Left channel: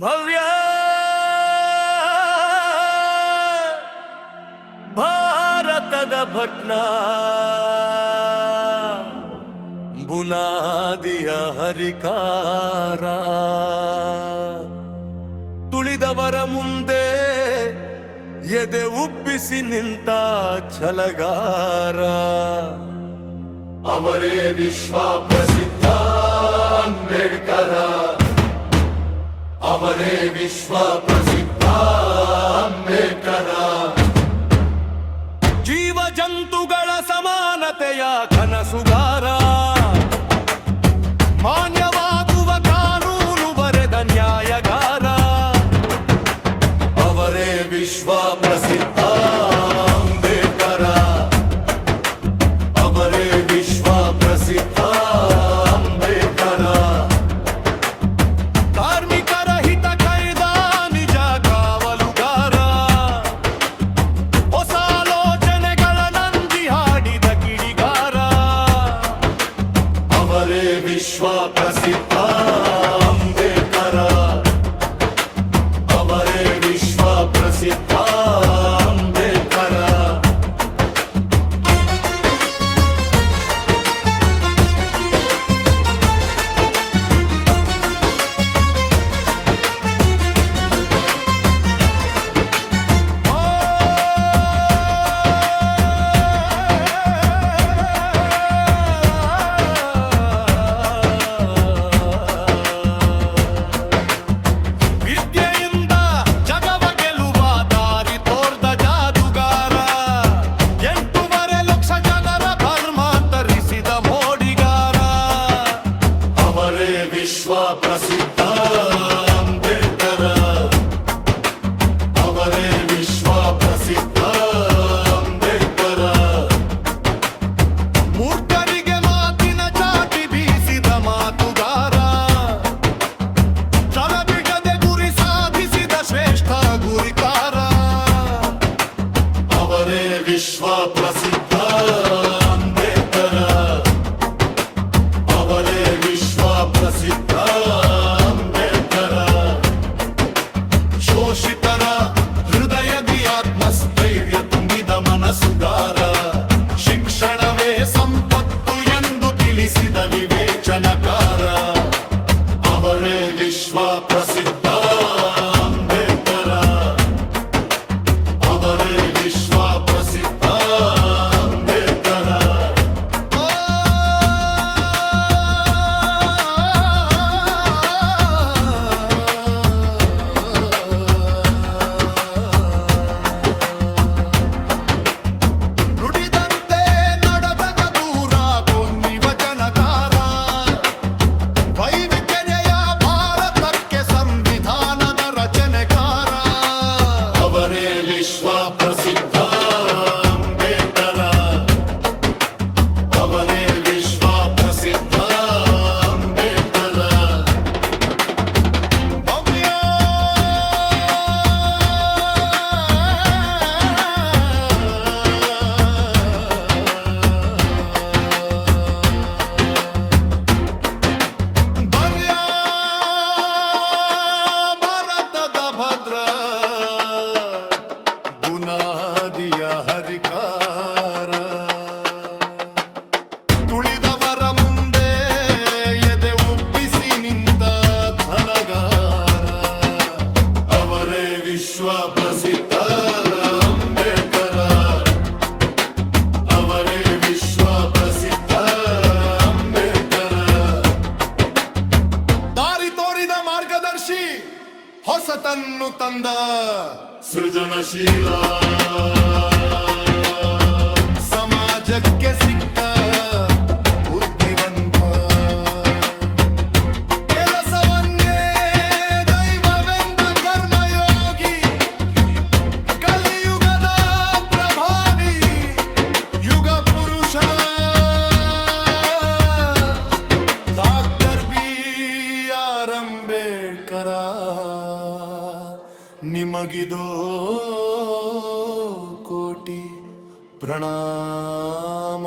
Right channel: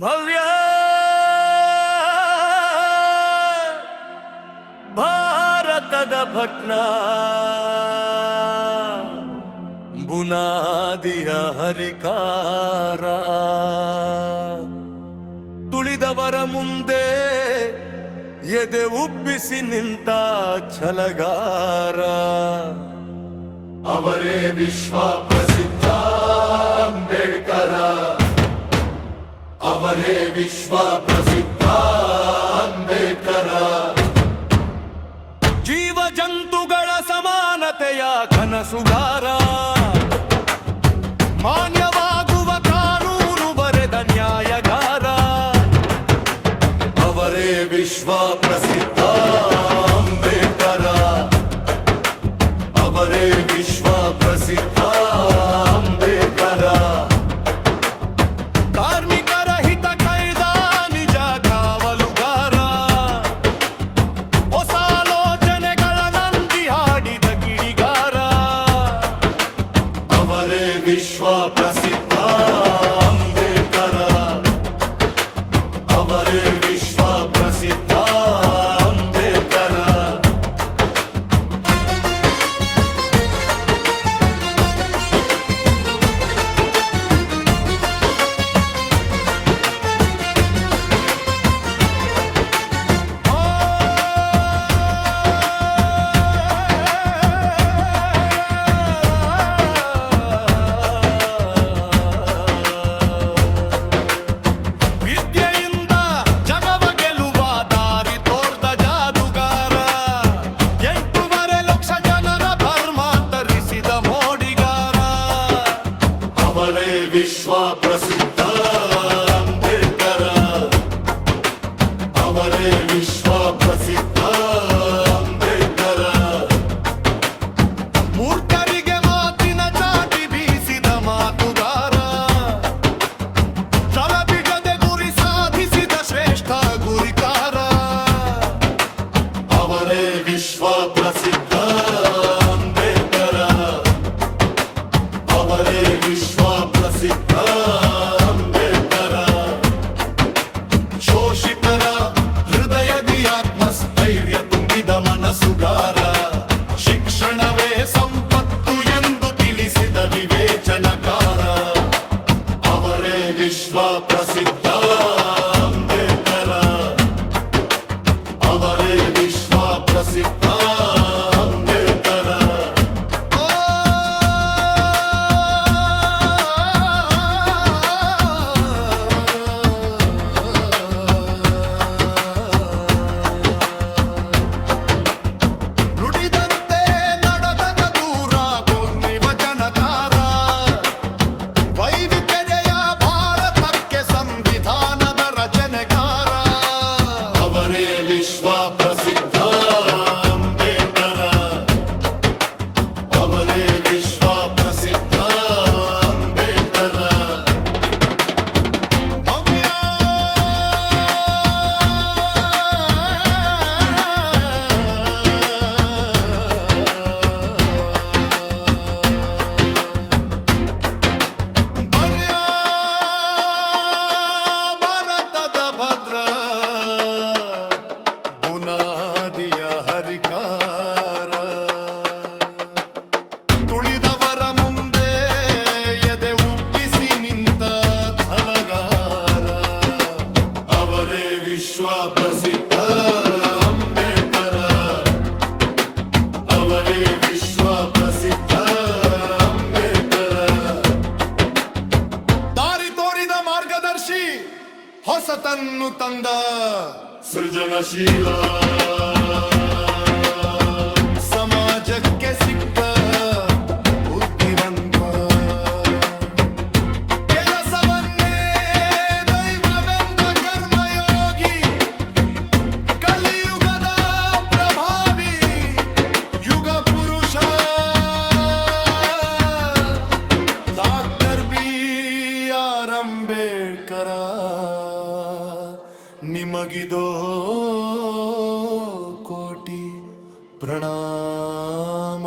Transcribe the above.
ಭವ್ಯ ಭಾರತದ ಭಟ್ನ ಬುನಾದಿಯ ಹರಿಕಾರ ತುಳಿದವರ ಮುಂದೆ ಎದೆ ಉಬ್ಬಿಸಿ ನಿಂತ ಛಲಗಾರ ಅವರೇ ವಿಶ್ವ ಪ್ರಸಿದ್ಧ ಅಂಬೇಡ್ಕರ. ಅವರೇ ವಿಶ್ವ ಪ್ರಸಿದ್ಧ ಅಂಬೇಡ್ಕರ. ಜೀವ ಜಂತುಗಳ ಸಮಾನತೆಯ ಕನಸುಗಾರ, ಮಾನ್ಯವಾಗುವ ಕಾನೂನು ಬರೆದ ನ್ಯಾಯಗಾರ. ಅವರೇ ವಿಶ್ವ ಪ್ರಸಿದ್ಧ ಅಂಬೇಡ್ಕರ. ಅವರೇ ವಿಶ್ವ ಪ್ರಸಿದ್ಧ ಅಂಬೇಡ್ಕರ. ಕಾರ್ಮಿಕರ ಹಿತ ಕಾಯ್ದ ನಿಜ ಕಾವಲುಗಾರ, ಹೊಸ ಆಲೋಚನೆಗಳ ನಂದಿ ಹಾಡಿದ ಕಿಡಿಗಾರ. ಅವರೇ ವಿಶ್ವ ಪ್ರಸಿದ್ಧ ಅಂಬೇಡ್ಕರ. ಅವರೇ ವಿಶ್ವ ಪ್ರಸಿದ್ಧ ಅಂಬೇಡ್ಕರ. ವಿದ್ಯೆಯಿಂದ ಜಗವ ಗೆಲ್ಲುವ ದಾರಿ ತೋರ್ದ ಜಾದುಗಾರ, 8.5 ಲಕ್ಷ ಜನರ ಧರ್ಮಾಂತರಿಸಿದ ಮೋಡಿಗಾರ. ಅವರೇ ವಿಶ್ವ ಪ್ರಸಿದ್ಧ ಅಂಬೇಡ್ಕರ. ಅವರೇ ವಿಶ್ವ ಪ್ರಸಿದ್ಧ ಅಂಬೇಡ್ಕರ. ಮೂರ್ಖರಿಗೆ ಮಾತಿನ ಚಾಟಿ ಬೀಸಿದ ಮಾತುಗಾರ, ಛಲ ಬಿಡದೆ ಗುರಿ ಸಾಧಿಸಿದ ಶ್ರೇಷ್ಠ ಗುರಿಕಾರ. ಅವರೇ ವಿಶ್ವ ಪ್ರಸಿದ್ಧ ಅಂಬೇಡ್ಕರ. ಅವರೇ ವಿಶ್ವ ಪ್ರಸಿದ್ಧ ಅಂಬೇಡ್ಕರ. ಶೋಷಿತರ ಹೃದಯದಿ ಆತ್ಮಸ್ಥೈರ್ಯ ತುಂಬಿದ ಮನಸ್ಸುಗಾರ, ಶಿಕ್ಷಣವೇ ಸಂಪತ್ತು ಎಂದು ತಿಳಿಸಿದ ವಿವೇಚನಕಾರ. ಅವರೇ ವಿಶ್ವ ಪ್ರಸಿದ್ಧ ಅಂಬೇಡ್ಕರ. ಅವರೇ ವಿಶ್ವ ಪ್ರಸಿದ್ಧ ಅಂಬೇಡ್ಕರ. ಓ, ನುಡಿದಂತೆ ನಡೆದ ದೂರ ಭೂಮಿ ವಚನಕಾರ, ವೈವಿಧ್ಯತೆಯ ಭಾರತಕ್ಕೆ ಸಂವಿಧಾನದ ರಚನೆಕಾರ. ಅವರೇ ವಿಶ್ವ ಪ್ರಸಿದ್ಧ ಅಂಬೇಡ್ಕರ. ಅವರೇ ವಿಶ್ವ ಪ್ರಸಿದ್ಧ ಅಂಬೇಡ್ಕರ. ಭವ್ಯ ಭವ್ಯ ಭಾರತದ ಭದ್ರ ಬುನಾದಿಯ ಹರಿಕಾರ, ತುಳಿದವರ ಮುಂದೆ ಎದೆ ಉಬ್ಬಿಸಿ ನಿಂತ ಛಲಗಾರ. ಅವರೇ ವಿಶ್ವ ಪ್ರಸಿದ್ಧ ಅಂಬೇಡ್ಕರ. ಅವರೇ ವಿಶ್ವ ಪ್ರಸಿದ್ಧ ಅಂಬೇಡ್ಕರ. ದಾರಿ ತೋರಿದ ಮಾರ್ಗದರ್ಶಿ, ಹೊಸತನ್ನು ತಂದ ಸೃಜನಶೀಲ. ಸಮಾಜಕ್ಕೆ ಸಿಕ್ಕ ಬುದ್ಧಿವಂತ, ಕೆಲಸವನ್ನೇ ದೈವವೆಂದ ಕರ್ಮಯೋಗಿ, ಕಲಿಯುಗದ ಪ್ರಭಾವಿ ಯುಗ ಪುರುಷ. Doctor B.R. ಅಂಬೇಡ್ಕರ, ನಿಮಗಿದೋ ಕೋಟಿ ಪ್ರಣಾಮ.